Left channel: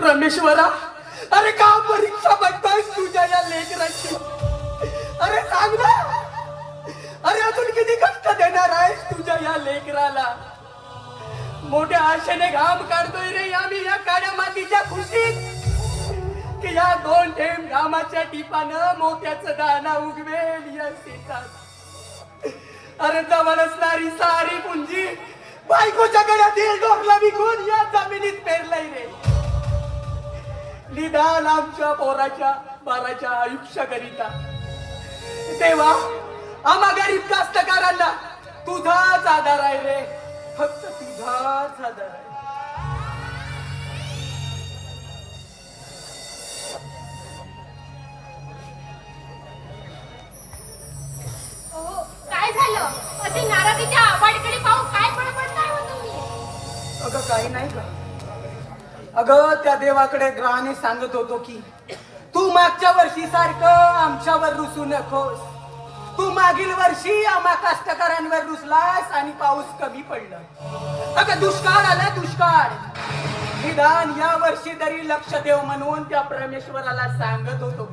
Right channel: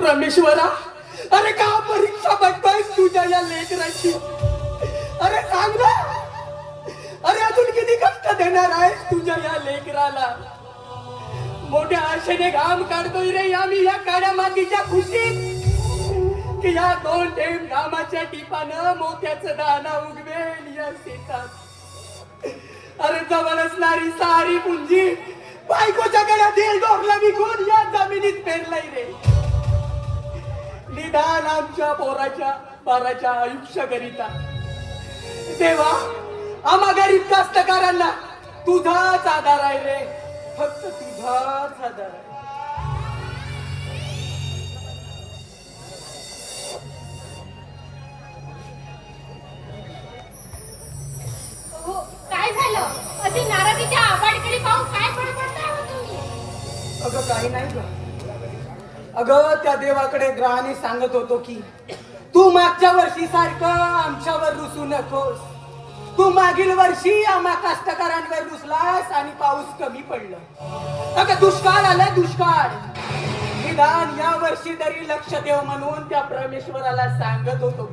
परमेश्वरा अरे का परीक्षा बघतोयस तुझ्या या लेकराची? अरे सांग ना. अरे अजून किती कष्ट देणार आहेस तुझ्या या लेकराला? मोठ्या आशेने घाम काढतोय रे आम्ही या काळ्या मातीच्या खुशीत. की या दोन थेंब घामाच्या टिपानं मोत्याच दाना उगवेल या शेतात. अरे जवळ असणारी सारी पुंजी बायकोच्या गळ्यातील डोरला विकून या जमिनीत पेरलंय रे. निदान आमच्या पोराच्या बाराच्या आयुष्य करिता देवा आम्हा गरीब कास्तकारांना तुझाच आधार आहे रे. फक्त तुझाच आधार आहे अहो, काय झालं? अशी नाराजीच्या आबाडकडे पाहून काय हो तुम्ही? अगं काही नाही ग. अगं त्या देवाकडे ग्रहाने सांगत होतो की तू मागच्या वर्षी सारखं आमच्यावर रुसू नकोस. तू मागील वर्षी आम्हा कष्टकऱ्यांवर रुसलास आणि पाऊस कमी पडलं. अगं दुष्काळ आला दुष्काळ. निदान या वर्षी तरी लक्ष देव म्हणून त्या परमेश्वराला सांगत होतो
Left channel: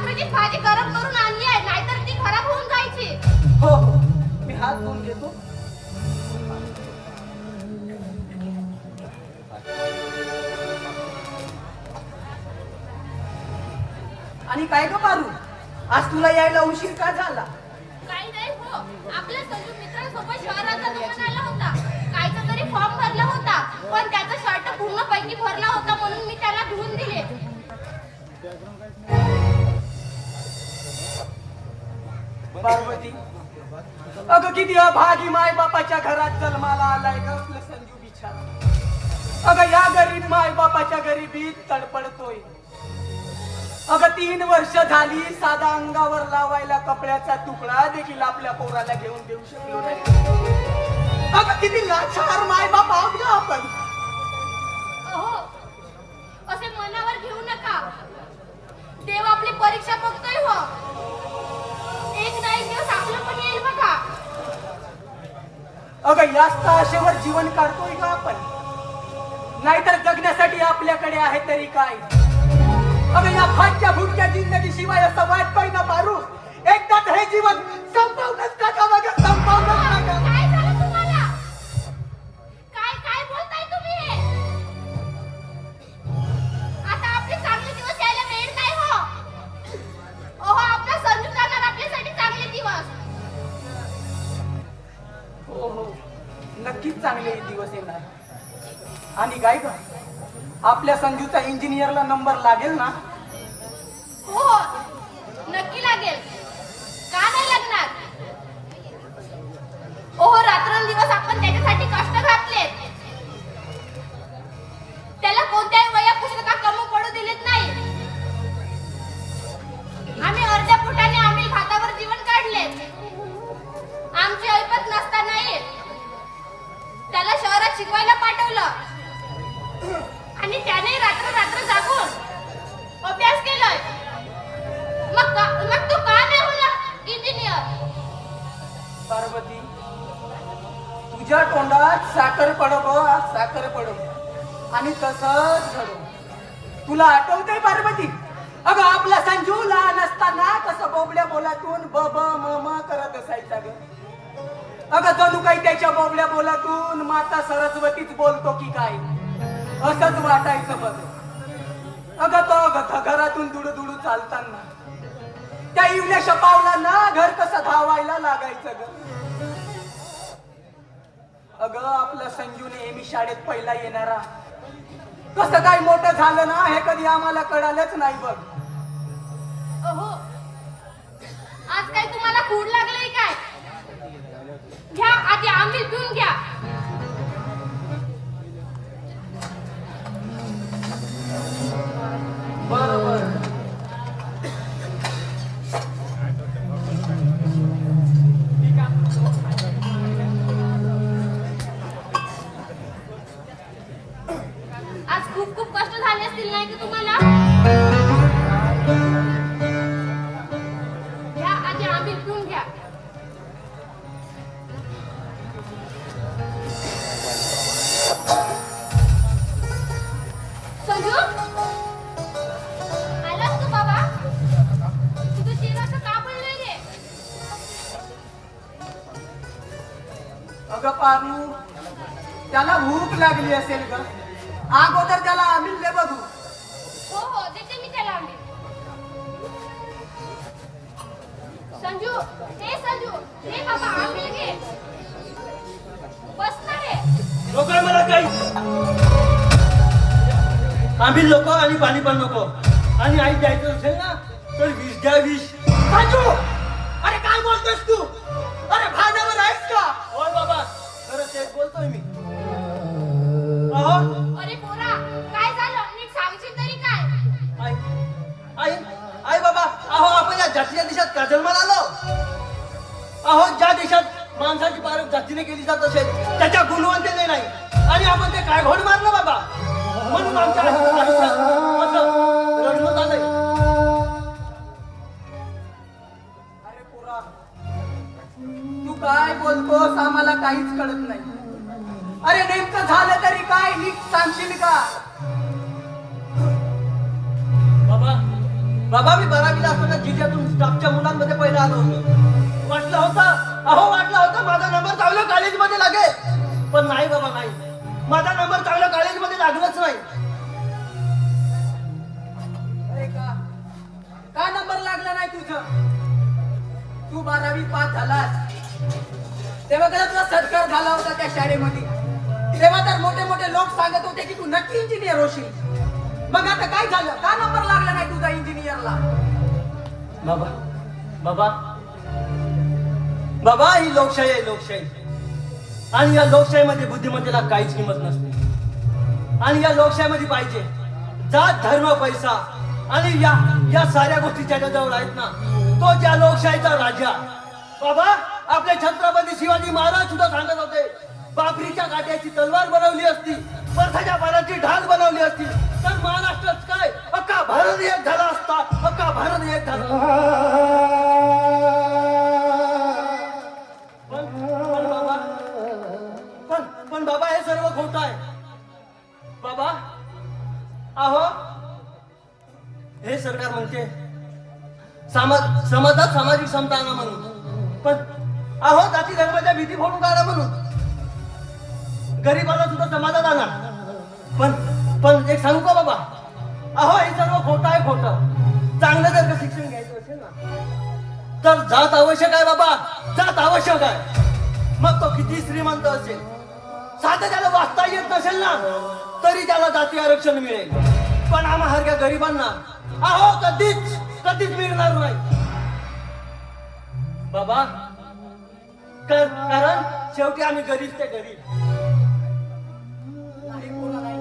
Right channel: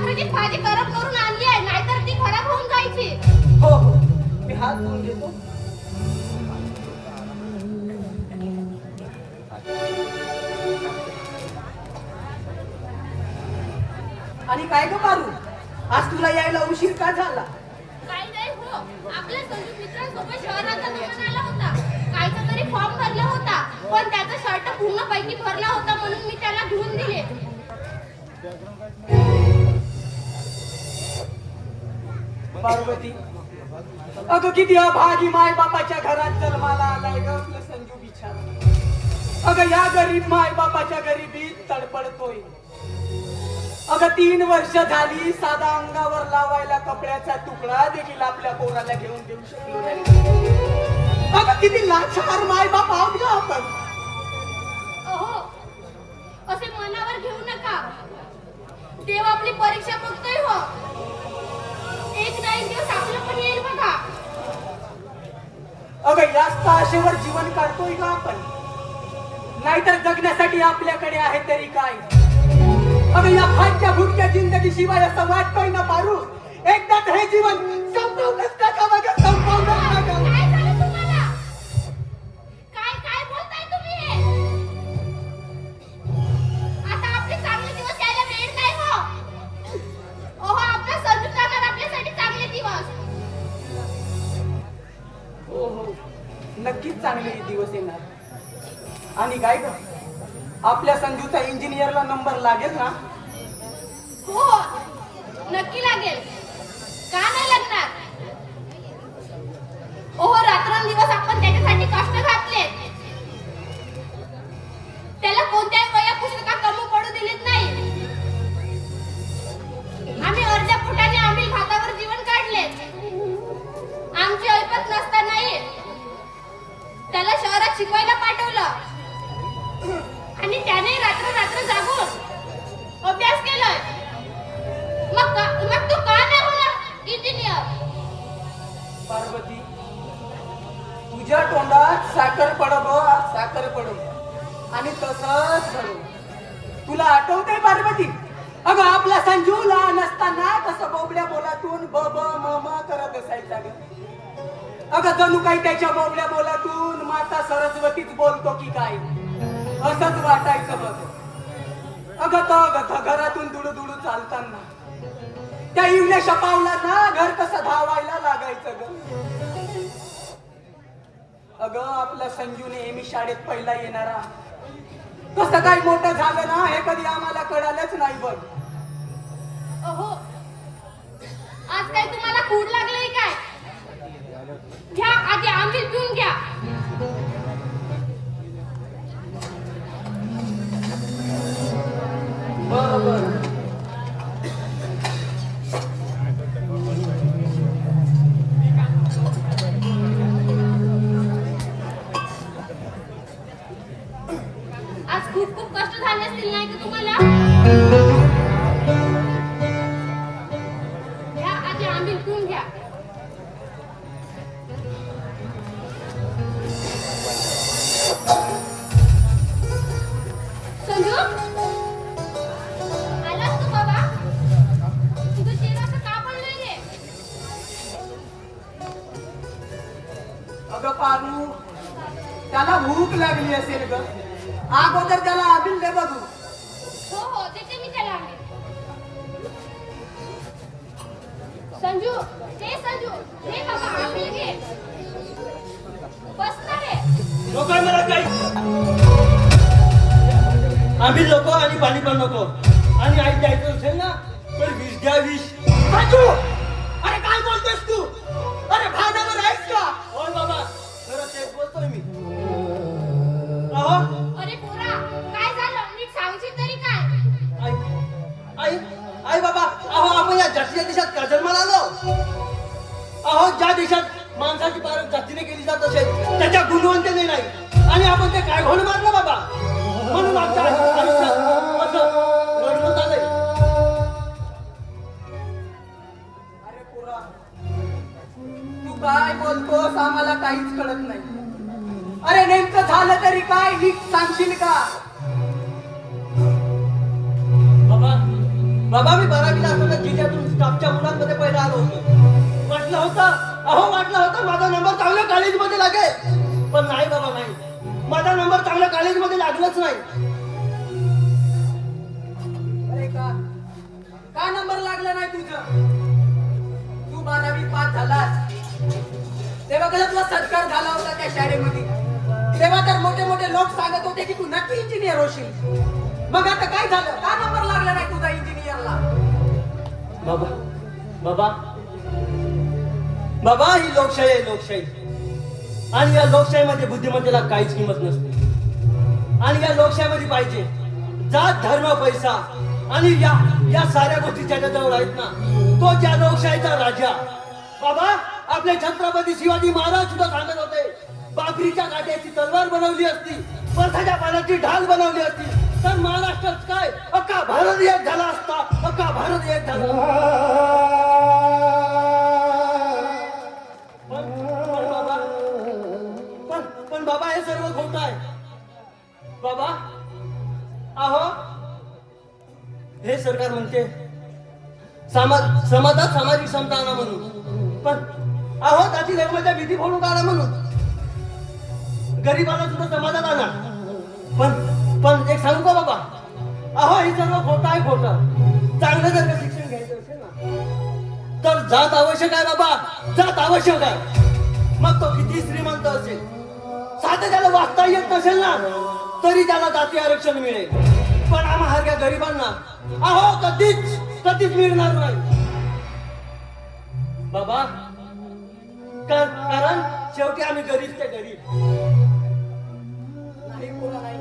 मी रात्रीची भाजी गरम करून आणली आहे नाहीतर ती खराब होऊन जायची. हो हो. मी हात धुवून घेतो. आणि काय ग मारू? आज तुला यायला उशीर का झाला? काही नाही हो. आपल्या संजू मित्रांसोबत शहरात जातो म्हणाला होता. कायचा तरी फॉर्म भरला होता. पण त्याचा शर्ट पूर्णपैकी भरला होता म्हणून मी त्याला धुवून दिले. पार्वती. अगं किती अभागी माय बापाच्या घरात जन्माला आलाय ग आपला संजू बिछा अगं या गरीब माय बापाच्या गरिबीत तडपडतोय. अगं तीन वर्ष झाली साधा अंगावर लावायला कपड्याचा तुकडा देखील आपल्या पोराला घेऊन देऊ शकलो नाही. अगं किती लाचार माय बाप आहोत ना आपण. असे मनावर घेऊ नका. देव आपली परीक्षा फक्त अगं याच आशेवर जीवन काढतोय का आपण? नाहीतर जगण्यासाठी आपल्याकडे आहे तरी काय? अगं या फाटच्या फुटक्या जिंदगी शिवाय असं वाटतोय ना पारू एकदाच हे जीवन संपवूनच टाका मग आणि काय आपल्या संजूचा इंजिनियरला नंबर लागेल ना? हो नक्की लागेल. सरस्वती तुझ्या तोंडात साखर पडो साखर पडो. आणि तसंच घडू. तुला आठवते पार्वती? अगं आपला संजू लहान असताना कसं बोबड्या बोलातून ब ब म म करत असायचा ग. अगं जणू काही त्याच्या बोबड्या बोलातून माता सरस्वतीच बोलतो की काय? असंच वाटायचं बघ. अगं तो घरातून दुडू दुडू चालताना. त्या इवल्याशा पावलांना घर कसं धावायला लागायचं ग? अग आपला संजू नेहमी शाळेत पहिला येणारा. कसं काय मोठं झालं ना हे कधी आम्हाला कळालंच नाही बघ. अहो आज काय तुम्हाला खूड लागलंय काय? घ्या आधी आंबील पिऊन घ्या. बोलतोस तू? अरे भानावर आहेस का? होय बाबा खरं तेच बोलतोय मी. अहो. अरे पोरा काय झालं? नीट सांगशील तरी काय? आई आई आई बाबा अहो आपण या जातीच्या देशात का जन्माला आलो? अहो ज्या देशात माणसाची पारख जातीने केली जात असेल त्याच्या गुणवंतेने नाही. आणि आपण ते काय घोड मारलं बाबा? म्हणून आमच्या आयु- आयुष्यात बोलतोस आम्हाला काहीच कळत नाही. अरे नेमकं झालं तरी काय नीट सांगशील का? बाबा. बाबा मी बारावीला असताना जिल्ह्यातून स्टाफच्या मुलांमध्ये पहिला आलो होतो. वाटलं होतं अहो वाटलं होतं माझा नंबर चांगल्या कॉलेजमध्ये लागेल. पण नाही बाबा नाही. माझा नंबर चांगल्या कॉलेजमध्ये लागलाच नाही. तेव्हा सत्कार झाला होता त्या शाळेमध्ये. तेव्हा तर मोठे मोठे लोक सांगत होते की तू नक्की इंजिनियर होशील. मग आता काय झालं? का नंबर लागला नाही तुझा इंजिनियरला बाबा बाबा. बाबा ही लोकशाही आहे लोकशाही. आणि या लोकशाहीमध्ये बुद्धिमत्तेला काहीच किंमत नसते. आणि या लोकशाहीमध्ये पाहिजे. जात धर्म पैसा. आणि या या साऱ्या गोष्टी ज्याच्याजवळ आहेत ना तो ज्या लोकशाहीचा राजा. बाबा आपले छत्रपती शिवाजी महाराज सुद्धा सांगत होते बाबरीच्या काट्याची तलवार बनवली असती परसाच्या पाण्याची ढाल बनवली असती तर महाराष्ट्रात काय? अक्का भारत एक झाला असता अक्का भारत एक झाला पण बाबा पण पण बाबा हे सर्व खोट आहे. बाबा अहो हे सरकार म्हणते समाज समाजात सामाजिक समता आणा म्हणून. पण अहो जाती जन्माच्या भीती फोडून काढा म्हणून. गरीबाला सुद्धा समाजात आणा. पण पण एक सांगू का बाबा? अहो हे सर्व खोटं आहे खोटं. चांगलं जर का शिक्षण घ्यायचं असेल ना तर जात आवश्यक आहे बाबा. जात आवश्यक आहे. मग तो किती श्रीमंत असेल? साधं त्याला वाचता येत नसेल ना तरी त्याला जाती आरक्षण मिळेल. पण आम्हा गरिबांना अहो कधीच कधीच मिळणार नाही. बाबा कारण शेवटी आम्ही गरीब ते गरीब. नाही कोणा नाही?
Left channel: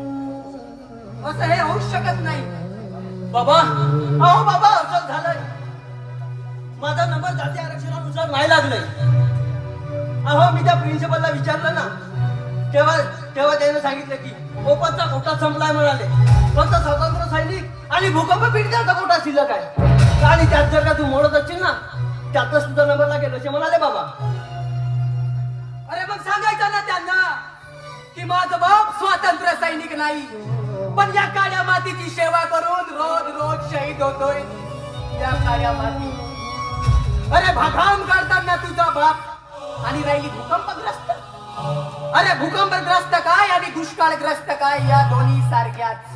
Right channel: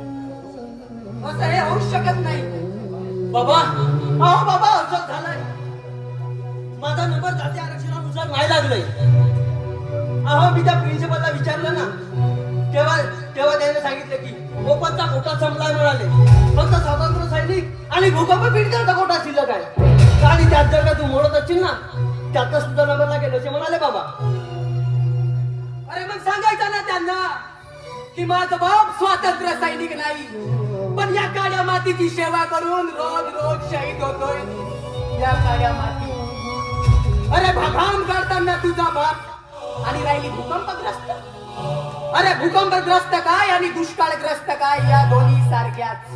असं हे होऊ शकत नाही. बाबा अहो बाबा असं झालंय. माझा नंबर जाती आरक्षणानुसार नाही लागलंय. अहो मी त्या प्रिन्सिपलला विचारलं ना तेव्हा तेव्हा त्याने सांगितलं की भूकंपचा कोटा संपला म्हणाले. फक्त स्वातंत्र्य सैनिक आणि भूकंप पीडितांचा कोटा शिल्लक आहे. आणि त्यात जर का तू मोडत असशील ना त्यातच सुद्धा नंबर लागेल असे म्हणाले बाबा. पण सांगायचं ना त्यांना की माझं बाप स्वातंत्र्य सैनिक नाही. पण या काळ्या मातीची सेवा करून रोज रोज शहीद होतोय. या काळ्या माती अरे भगाम करताना तुझा बाप आणि राहिली भूकंपग्रस्त. अरे भूकंपग्रस्त काय आणि दुष्काळग्रस्त काय या दोन्ही सारख्याच.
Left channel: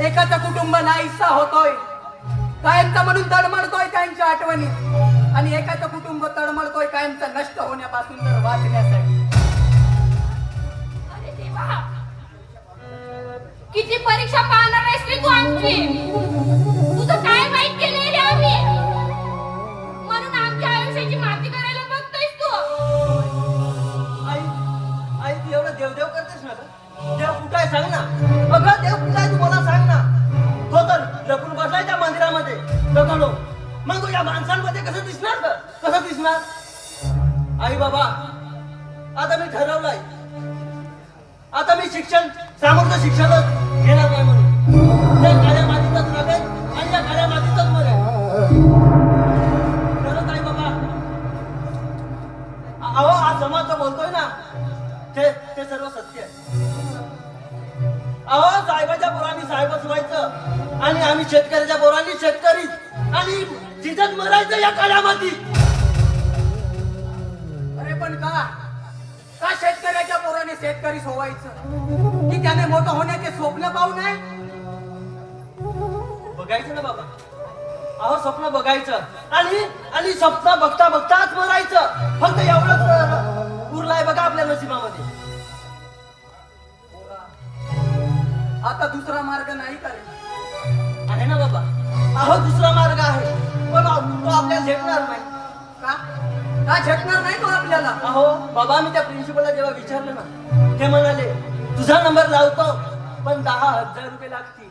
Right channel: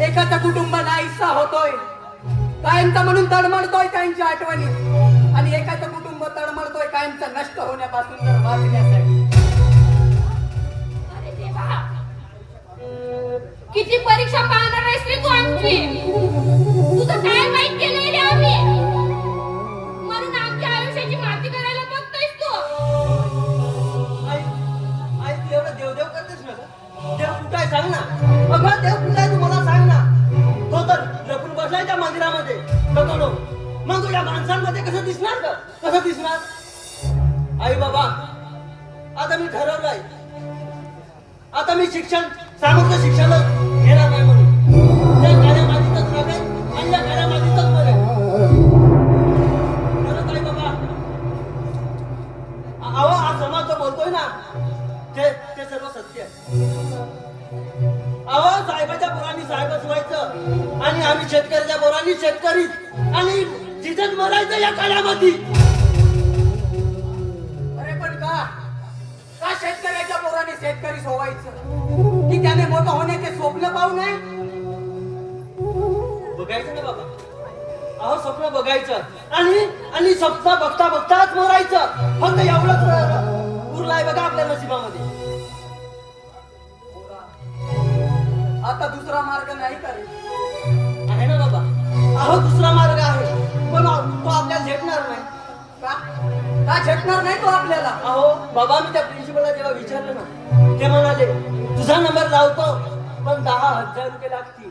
एकाच कुटुंब नाहीसा होतोय. कायमचा म्हणून तडमडतोय त्यांच्या आठवणीत. आणि एकाच कुटुंब तडमडतोय कायमचं नष्ट होण्यापासून तर वाचण्यासाठी. अरे देवा! किती परीक्षा पाहणार आहेस रे तू आमची? तुझं काय वाईट केलंय रे आम्ही? म्हणून आमच्या आयुष्याची माती करायला बघतोयस तू. आई आई तू एवढं देवदेव करतेस ना गं? देव कुठं आहे सांग ना. अगं देव कुठं आहे तू मला सांग ना. तो तर लपून बसलाय त्या मंदिरामध्ये. मग तुझ्या माणसांमध्ये कसं दिसणार का कसं दिसणार आई बाबा आता मी ठरवलंय. आता मी शिक्षण सामर्थ्य शिक्षणच घेणार नाही म्हणून. त्या काळ्या मातीतच आणि या काळ्या मातीतच खरंच आई बाबा अहो हा समाज जो बोलतोय ना ते ते सर्व सत्य आहे. अहो साहेबाच्या पोरांनी साहेबच व्हायचं आणि आम्ही शेतकऱ्याच्या पोरांनी शेतकरी आणि जिथंच मरायचं या काळामध्ये अरे शेतकरी सोवायचं. की त्याने मोठं होण्याचे स्वप्न पाहू नये? बघायचं ना बाबा. अहो स्वप्न बघायचं. आणि आणि स्वप्न बघता बघताच मरायचं. फक्त एवढंच उरलाय बघा आपल्या नशिबामध्ये. आता दुसरा मार्ग नाही करे आहे ना बाबा. अहो दुसरा मार्ग आहे. पण तो आपल्याला झेपणार नाही. का? का नाही तो आपल्याला? अहो बाबा मी त्या प्रिन्सिपलला जेव्हा विचारलं ना ते म्हणाले तुझा नंबर लावतो पण दहा हजार रुपये लागतील.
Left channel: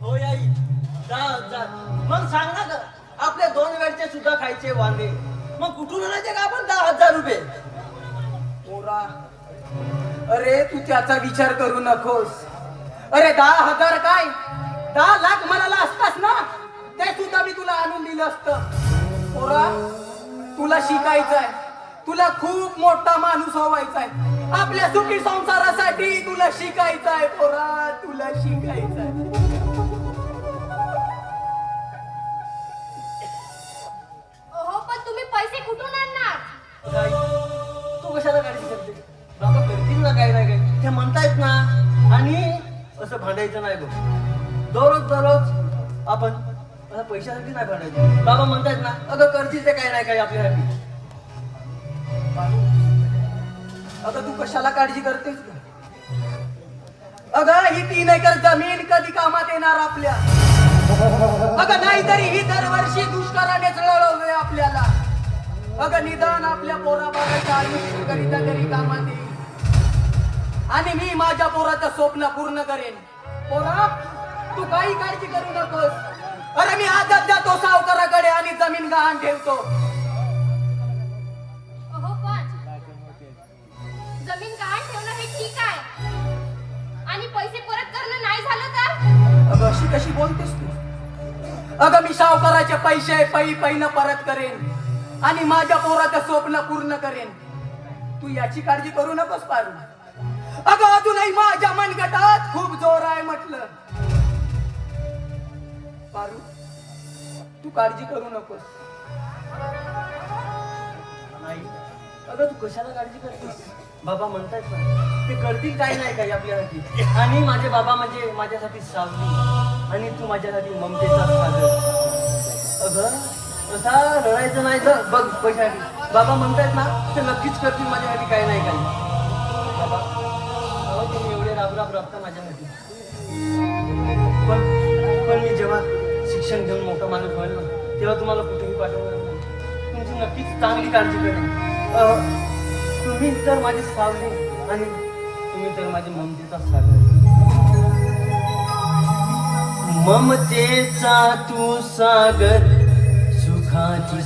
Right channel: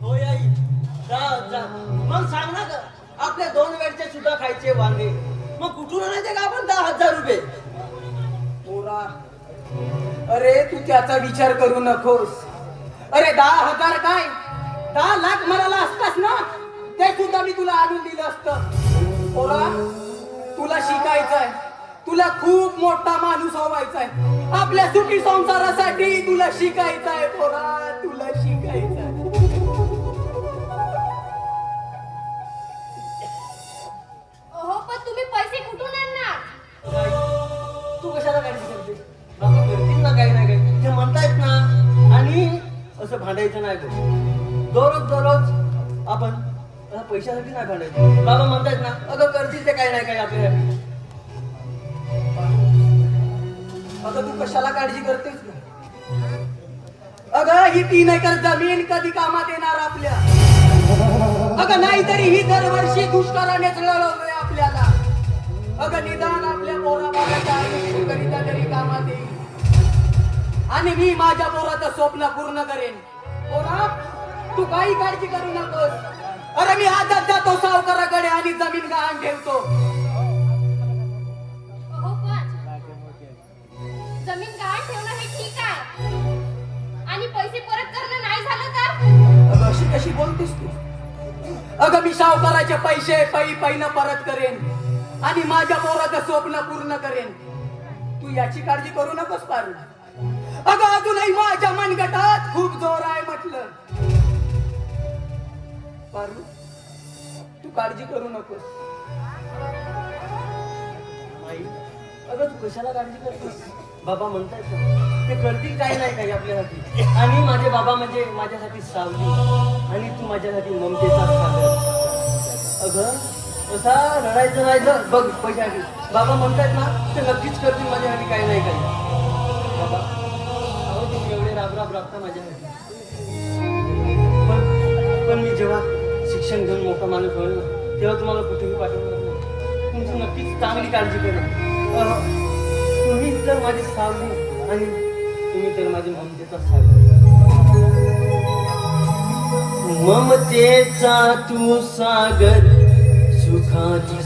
हो आई दहा हजार. मग सांग ना ग, आपले दोन वेळचे सुद्धा खायचे वांगे. मग कुठून आणायचे का आपण दहा हजार रुपये? पोरा अरे तू त्याचा विचार करू नकोस. अरे दहा हजार काय? दहा लाख ते सुद्धा मी तुला आणून दिलं असतं. पोरा तुला शिकायचंय. तुला खूप मोठा माणूस व्हायचाय. आपल्या सुखी संसारासाठी तुला शिकायचंय पोरा तुला शिकायचंय. हो म्हणतायत ना आणि असं भांडायचं नाही दररोज दररोज आपण पैशासाठी नाही भांडायचं. बाबा म्हणतायत ना अगं करतील ते काही नाही काय आपल्यासाठी. अगं तू कशाला काळजी करतेस अगं ही तीन एकर जमीन कधी कामात येणार आपल्या. अगं नाहीतरी ही दरवर्षी दुष्काळाने लढवलंय आपल्याला. अगं निदान आपल्या पोराबाळाच्या आयुष्य आयुष्यकरिता तरी कामात येईल. आणि मी माझ्या पोराचं स्वप्न पूर्ण करेन. पोरा तू काही काळजी करू नकोस. अरे मी आजच जातो सावकाराकडे आणि जमीन गहाण ठेवतो. पण जमीन गहाण ठेवणं हे ठीक आहे. आणि पैसे परत करणं नाही झालं तर? अगं अशी कशी बोलतेस तू? अगं मी सावकाराचे पैसे पै पैना परत करेन आणि माझ्या पोराचं स्वप्न पूर्ण करेन. तू याची काळजी करू नकोस पारू अगं अजूनही माझ्या मनगटात खूप जोर आहे म्हटलं. पारू? तू काळजी करू नकोस. नाही. अगं तू कशाला काळजी करतेस? बाबा म्हणतायत ना. ते करतील काही नाही काही आपल्यासाठी. आणि माझे बाबा म्हणजे माझ्यासाठी सावली. आणि तू माझ्यासाठी ममतेचा सागर. अगं असा लढायचं नाही बघ पैशासाठी बाबा म्हणतायत ना ते नक्कीच करतील माझ्यासाठी काही नाही काही. बाबा अहो तुम्ही एवढे राब राब राबता माझ्यासाठी पण पण मी जेव्हा शिक्षण घेऊन मोठा माणूस होईल ना तेव्हा तुम्हाला कुठेही पाठवणार नाही. तुमची नक्कीच चांगली काळजी करेन तुम्ही तर माझी सावली आणि तुम्ही तर माझी ममतेचा सागर ममतेचा तू सागर सुखाची